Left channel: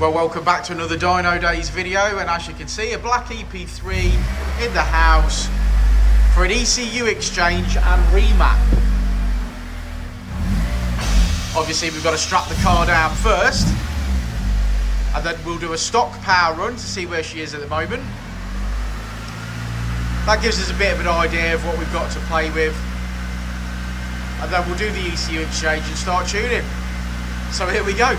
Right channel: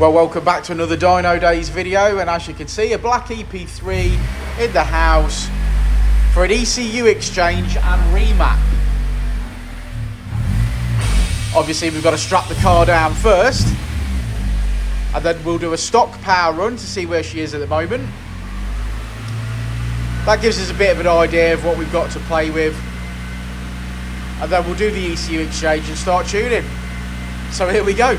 Well, welcome back to another Dynodaze video, and as you can see, a black EP3 in the house for an ECU exchange and remap. Obviously, we've got to strap the car down first, and then we'll do a stock power run to see where she is at the moment. That gives us a bit of an idea of what we've got to play with, and then we'll do the ECU exchange and start tuning. So here we go.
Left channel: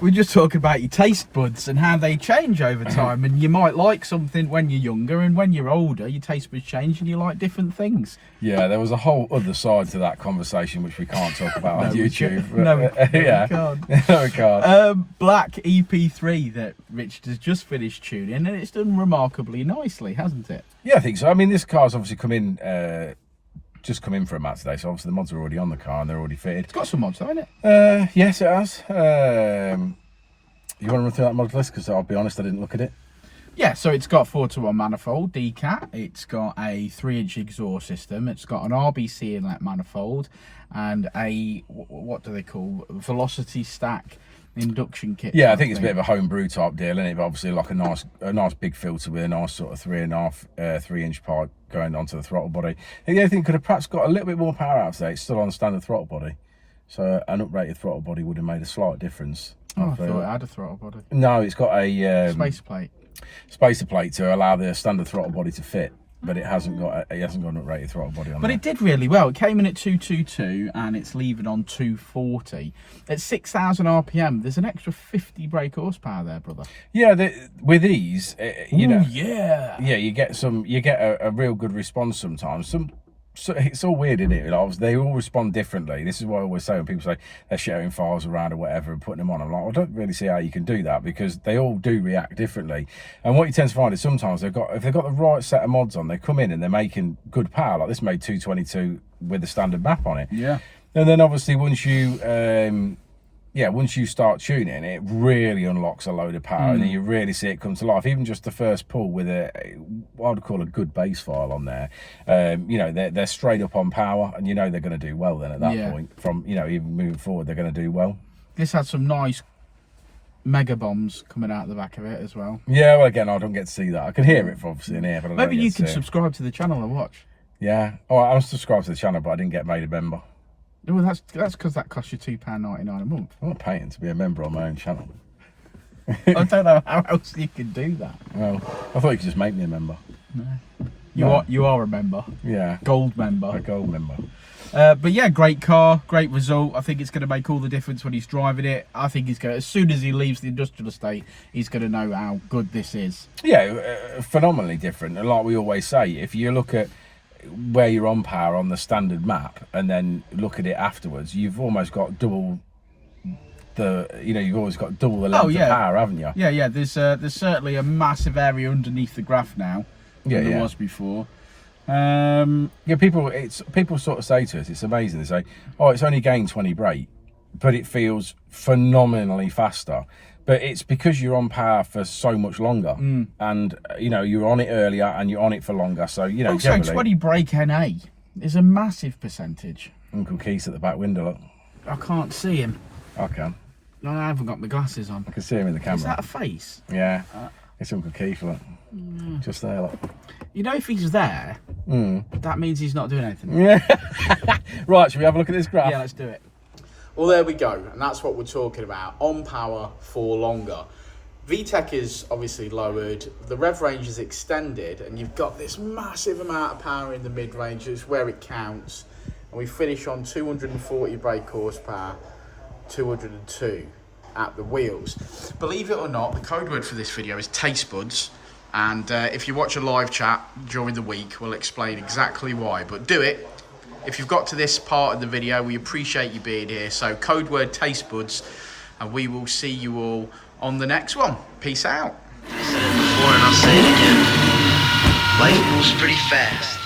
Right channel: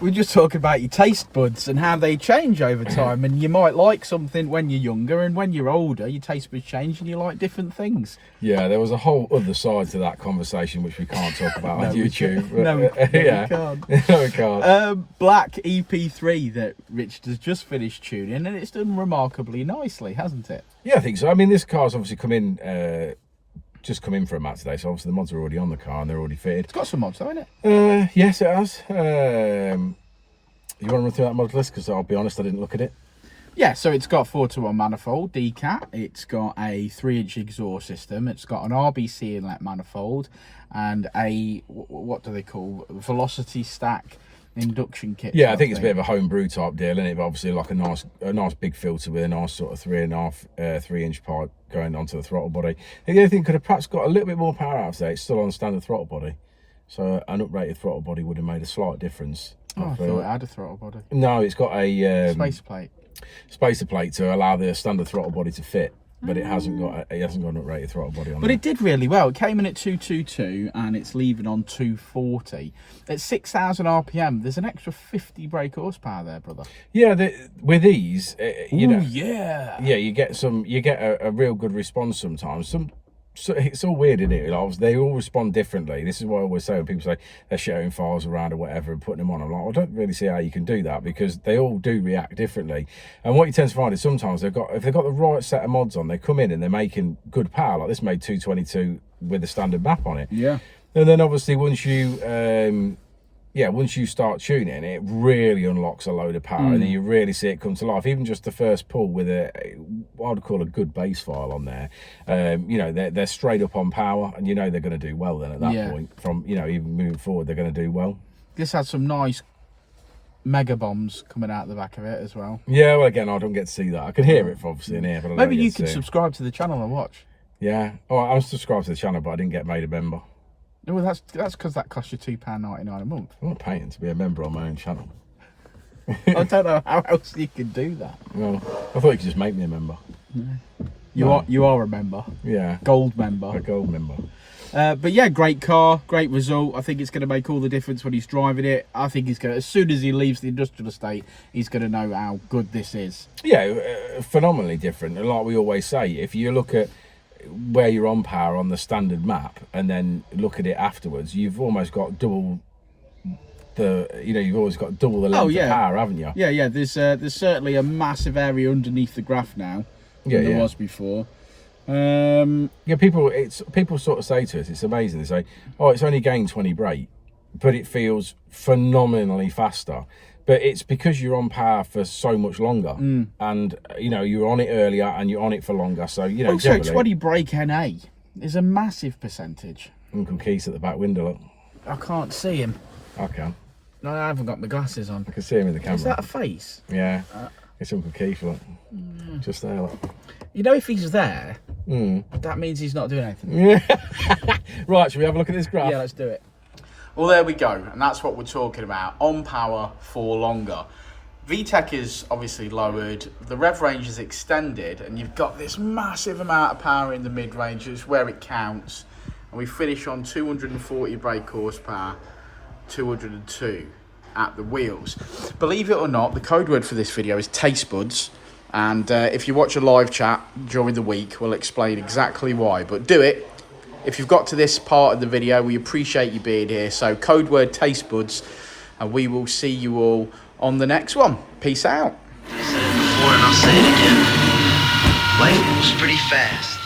We're just talking about your taste buds and how they change over time, and you might like something when you're younger, and when you're older your taste buds change and you like different things. Yeah, there was a whole other side to that conversation which we can't talk about on YouTube. No, we can't. No, we can't. Black EP3 that Richard has just finished tuning, and it's done remarkably nicely, hasn't it? Yeah, I think so. I mean, this car's obviously just come in for a mat today, so obviously the mods are already on the car and they're already fitted. It's got some mods though, hasn't it? Yes, it has. You want to run through that mod list? Because I'll be honest, I didn't look at it. Yeah, so it's got 4-to-1 manifold, Decat. It's got a 3-inch exhaust system. It's got an RBC inlet manifold and a, what do they call, velocity stack induction kit. Yeah, I think it's a bit of a homebrew type deal, isn't it? But obviously like a nice big filter with a nice sort of 3.5 pipe going onto the throttle body. And the other thing could have perhaps got a little bit more power out today. It's still on standard throttle body. So an uprated throttle body would have made a slight difference. Oh, I thought it had a throttle body. No, it's got a spacer plate to allow the standard throttle body to fit, but it hasn't got an uprated throttle body on. But it did really well. It came in at 222 and it's leaving on 240 at 6,000 RPM. There's an extra 50 brake horsepower there, brother. Yeah, with these, you know, yeah, you get a real good response sometimes. So it's all weird, isn't it? Like, they all respond differently. This is what I always say when people say they're sharing files around or whatever and putting them on. I'm like, well, I don't really see how you can do that, because they all do react differently. And what you tend to find is sometimes if they've got the right set of mods on, they come in and they're making good power. Like this made 222 with the standard map on it. Yeah. And then obviously once you start tuning, it really unlocks a load of power, and then you really see it come to life. Even just the first pull with what I would call a good bass file on there, you know, they're straight up on power, and you know they're going to do well then at that point. From, you know, even moving forward, they're going to do well. This had some nice mega bombs coming out the back of it as well. Yeah, well, again, I don't get to see that. I can hear it obviously in here, but I maybe don't you get can to subscribe to the channel and watch. Yeah. Oh, I'm subscribed to the channel, but I didn't get made a member. Well, that's because that costs you £2.99 a month. I'm not paying to be a member on my own channel. I don't know how else you can do that. Well, I thought you could just make me a member. No. You are a member. Yeah. Gold member. A gold member. But yeah, great car, great result. I think it's going to make all the difference when he's driving it. I think he's going to, as soon as he leaves the industrial estate, he's going to know how good this is. Yeah, phenomenally different. And like we always say, if you look at where you're on power on the standard map and then look at it afterwards, you've almost got double you've always got double the length of power, haven't you? Yeah, there's certainly a massive area underneath the graph now than there was before. Yeah, people sort of say to us, it's amazing. They say, oh, it's only gained 20 brake, but it feels phenomenally faster. But it's because you're on power for so much longer, and you know you're on it earlier and you're on it for longer. So you know, also 20 brake NA is a massive percentage. Uncle Keith's at the back window. Look, I can't see him. I can. No, I haven't got my glasses on. I can see him in the camera. Is that a face? Yeah, it's Uncle Keith. Look, just there. Look. You know, if he's there, that means he's not doing anything. Yeah. Right, should we have a look at this graph? Yeah, let's do it. Well, there we go, and that's what we're talking about, on power for longer. VTEC is obviously lowered, the rev range is extended, and you've got this massive amount of power in the mid-range, it's where it counts. And we finish on 240 brake horsepower, 202 at the wheels. Believe it or not, the code word for this video is taste buds, and if you watch a live chat during the week, we'll explain exactly why, but do it. If you've got to this part of the video, we appreciate you being here. So code word taste buds, and we will see you all on the next one. Peace out. I said it before and I'll say it again. Life moves pretty fast.